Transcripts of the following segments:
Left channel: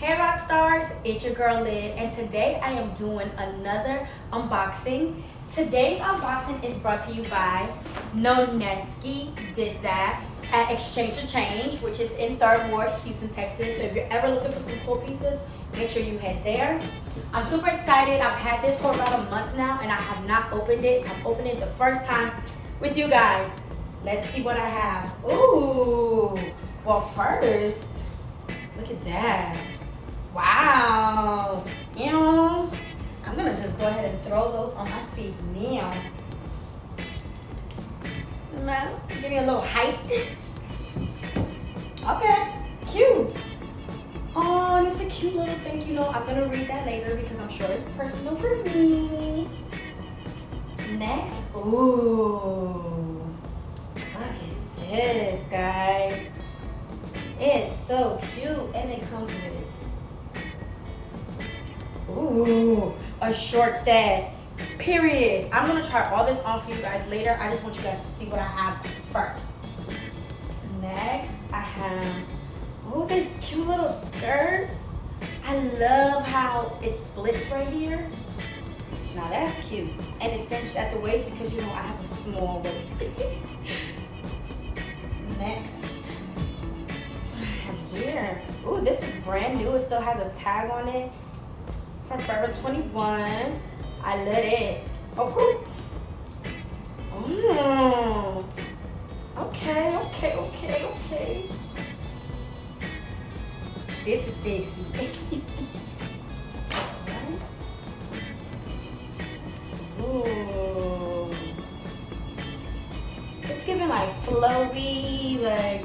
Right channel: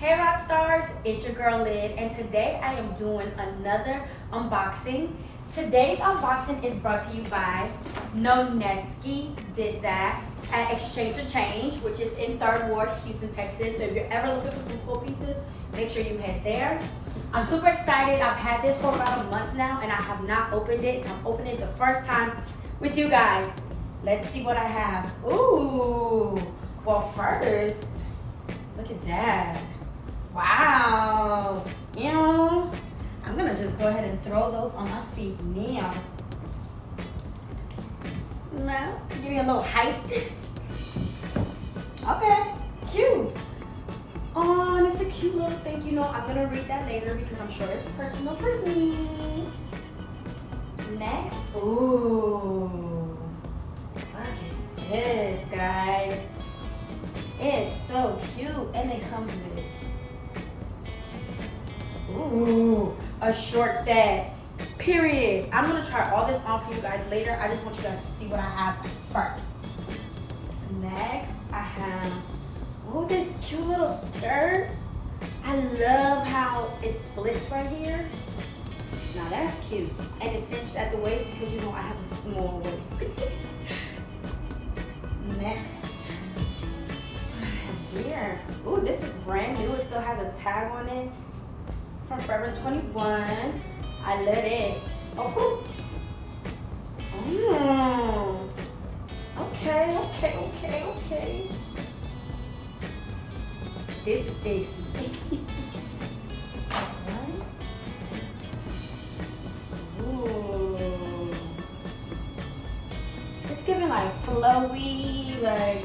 Hey rock stars, it's your girl Lid, and today I am doing another unboxing. Today's unboxing is brought to you by Noneski Did That at Exchange or Change, which is in 3rd Ward, Houston, Texas. So if you're ever looking for some cool pieces, make sure you head there. I'm super excited. I've had this for about a month now and I have not opened it. So I'm opening it the first time with you guys. Let's see what I have. Ooh, well first, look at that. Wow. I'm gonna just go ahead and throw those on my feet now. Now, give me a little height. Okay, cute. Oh, and it's a cute little thing. I'm gonna read that later because I'm sure it's personal for me. Next, ooh, look at this, guys. It's so cute, and it comes with a short set, period. I'm gonna try all this on for you guys later. I just want you guys to see what I have first. Next, I have, this cute little skirt. I love how it splits right here. Now that's cute. And it's cinched at the waist because I have a small waist. Next, what I have here. This is brand new. It still has a tag on it. From Forever 21. I love it. Oh, cool. Okay. This is sexy. Ooh. It's giving like flowy, like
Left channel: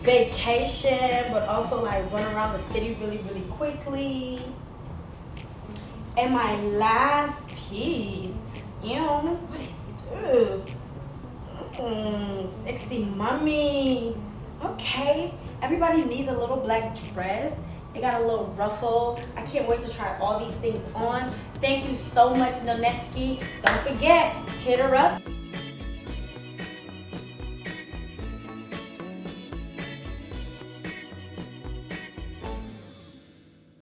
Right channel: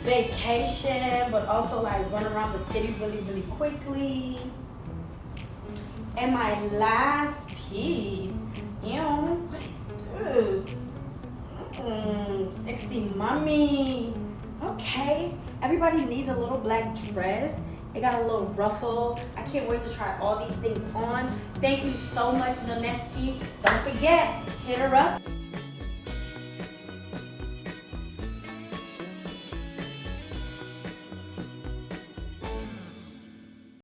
vacation, but also like run around the city really, really quickly. And my last piece, what is this? Sexy mommy. Okay, everybody needs a little black dress. It got a little ruffle. I can't wait to try all these things on. Thank you so much, Noneski. Don't forget, hit her up.